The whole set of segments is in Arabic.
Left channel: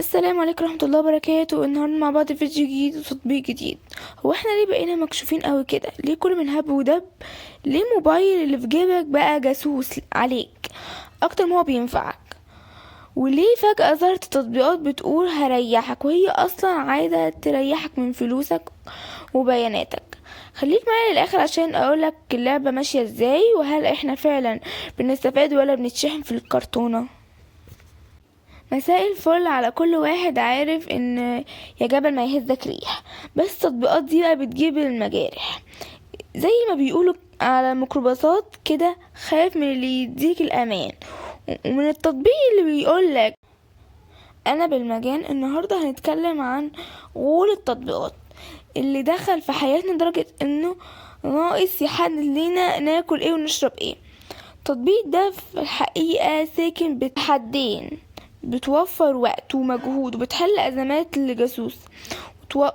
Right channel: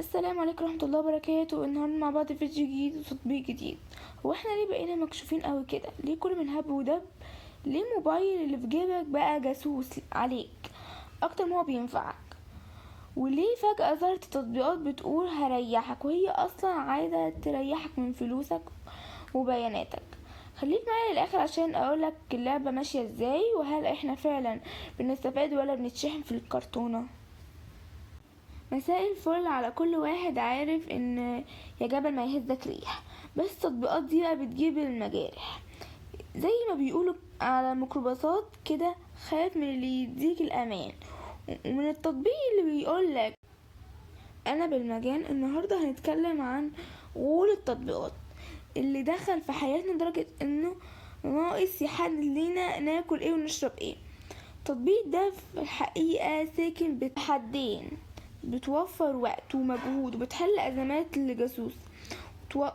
السلام عليكم ورحمة الله وبركاته. النهاردة مع بعض فيديو جديد وتطبيق جديد. هو احنا ليه بقينا مكشوفين قوي كده؟ ليه كل من هب ودب؟ ليه موبايل اللي في جيبك بقى جاسوس عليك اكتر ما هو بينفعك؟ وليه فجأة ظهرت تطبيقات بتقول هريحك وهي اصلا عايزة تريحك من فلوسك وبياناتك؟ خليك معايا للاخر عشان اقولك اللعبة ماشية ازاي، وهل احنا فعلا بنستفاد ولا بنتشحن في الكرتونة. مساء الفل على كل واحد عارف ان يا جبل ما يهزك ريح، بس التطبيقات دي بقى بتجيب المجارح زي ما بيقولوا على الميكروباصات كده. خايف من اللي يديك الامان ومن التطبيق اللي بيقولك انا بالمجان. النهاردة هنتكلم عن غول التطبيقات اللي دخل في حياتنا لدرجة انه ناقص يحدد لينا ناكل ايه ونشرب ايه. التطبيق ده في الحقيقة ساكن بحدين، بتوفر وقت ومجهود وبتحل ازمات لجاسوس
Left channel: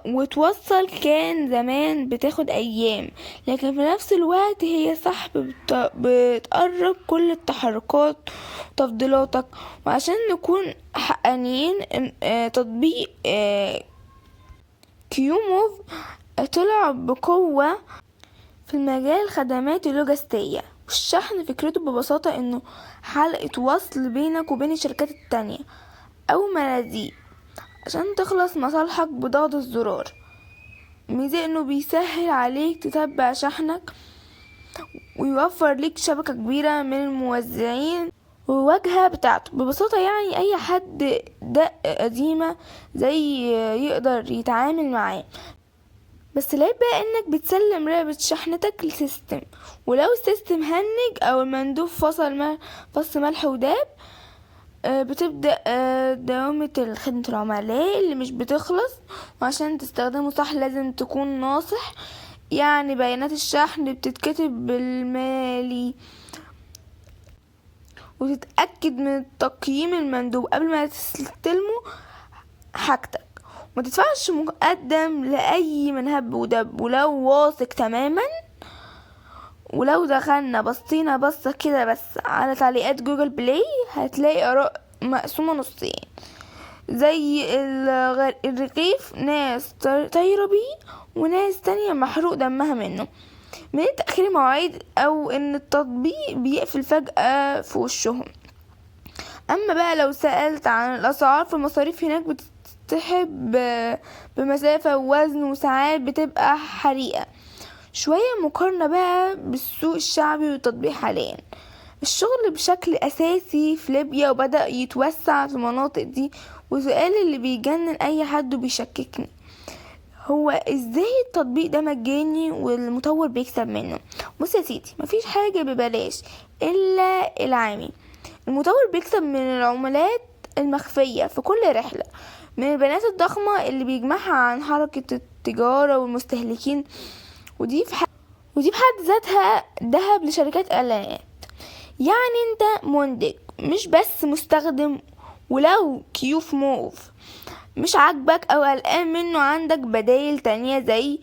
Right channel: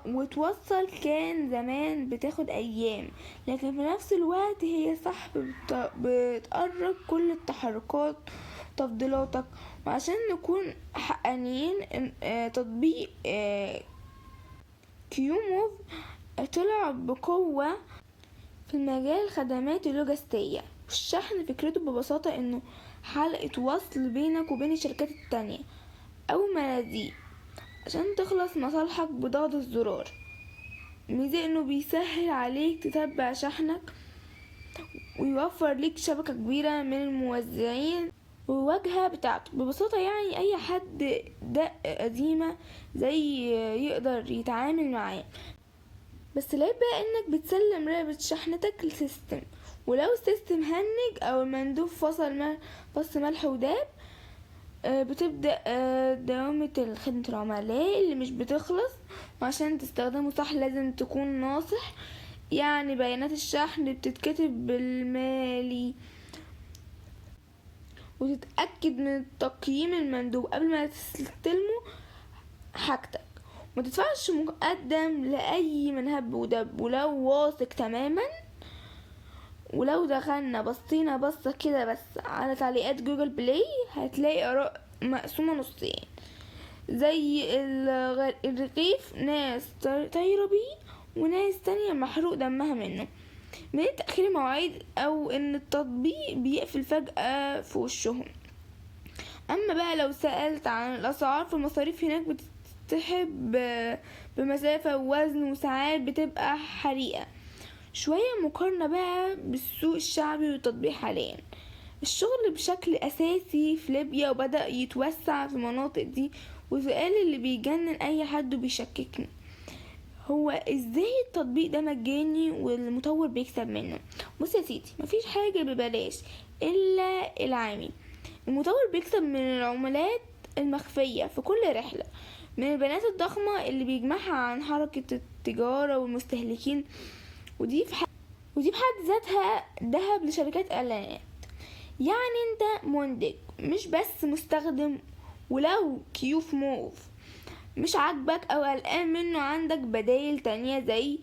وتوصل. كان زمان بتاخد ايام، لكن في نفس الوقت هي بتقرب كل التحركات وتفضيلاتك. وعشان نكون حقانيين، تطبيق كيوموف طلع بقوة في المجال الخدمات اللوجستية والشحن. فكرته ببساطة انه حلقة وصل بينك وبين الشركات التانية او مناديب عشان تخلص مصالحك بضغط الزرار. ميزة انه بيسهل عليك تتبع شحنك ويوفر ليك شبكة كبيرة من الموزعين والواجهة بتاعته. ببساطة يعني اي حد دق قديمة زي يقدر يتعامل معاه. بس العيب بقى انك بتسلم رابط شحنتك لسيستم، ولو السيستم هنج او المندوب فصل ملح وداب، بتبدأ دوامة خدمة العملاء اللي مش بتخلص. وعشان تستخدمه صح لازم تكون ناصح، يعني بيانات الشحن بتتكتب بالمالي، وتتأكد من تقييم المندوب قبل ما تستلمه حاجتك. ما تدفعش مقدم لأي من هب ودب ولو واثق تماما. ولو دخلنا بصينا بصة كده بس على تعليقات جوجل بلاي هتلاقي آراء مقسومة نصين، زي الرغيف ناس طايرة بيه وناس تانية محروق دمها منه من تأخير مواعيد أو إن التطبيق بيقفل فجأة في وشهم. أما بقى لو سألت عن الأسعار، فالمصاريف هناك بتسحب بمسافة ووزن، وساعات بتبقى حريقة. شوية مقارنة بقى بالسوق الشعبي والتطبيق حاليا الشغل بشكل أساسي في ليبيا وبدأ يتوسع في المناطق دي. وسؤال اللي بيجنن أي حد وبيشككني، هو ازاي التطبيق ده مجاني والمطور بيكسب منه؟ بص يا سيدي، مفيش حاجة ببلاش إلا العامي. المطور بيكسب من العملات المخفية في كل رحلة، من البيانات الضخمة اللي بيجمعها عن حركة التجارة والمستهلكين. ودي بحد ذاتها ذهب لشركات اعلانات. يعني انت منتج مش بس مستخدم. ولو كيوف موف مش عاجبك او قلقان منه، عندك بدايل تانية زي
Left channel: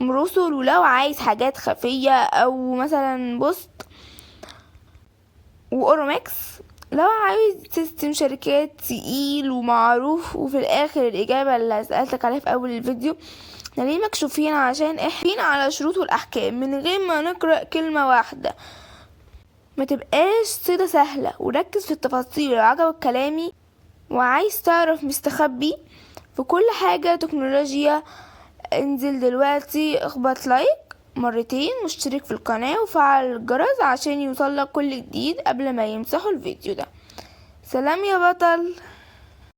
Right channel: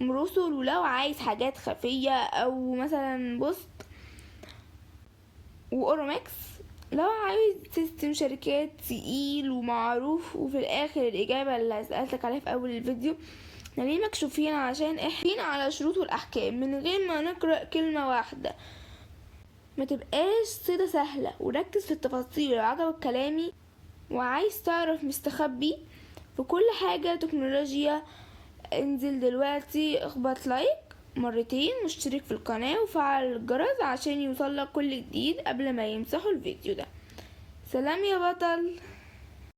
مرسل. ولو عايز حاجات خفية او مثلا بوست واوروماكس. لو عايز سيستم شركات تقيل ومعروف. وفي الاخر الاجابة اللي سألتك عليها في اول الفيديو، احنا ليه مكشوفين؟ عشان احنا على شروط والاحكام من غير ما نقرأ كلمة واحدة. ما تبقاش صيدة سهلة وركز في التفاصيل. لو عجبك كلامي وعايز تعرف مستخبي في كل حاجة تكنولوجيا، انزل دلوقتي اخبط لايك مرتين واشترك في القناة وفعل الجرس عشان يوصلك كل جديد قبل ما يمسحوا الفيديو ده. سلام يا بطل.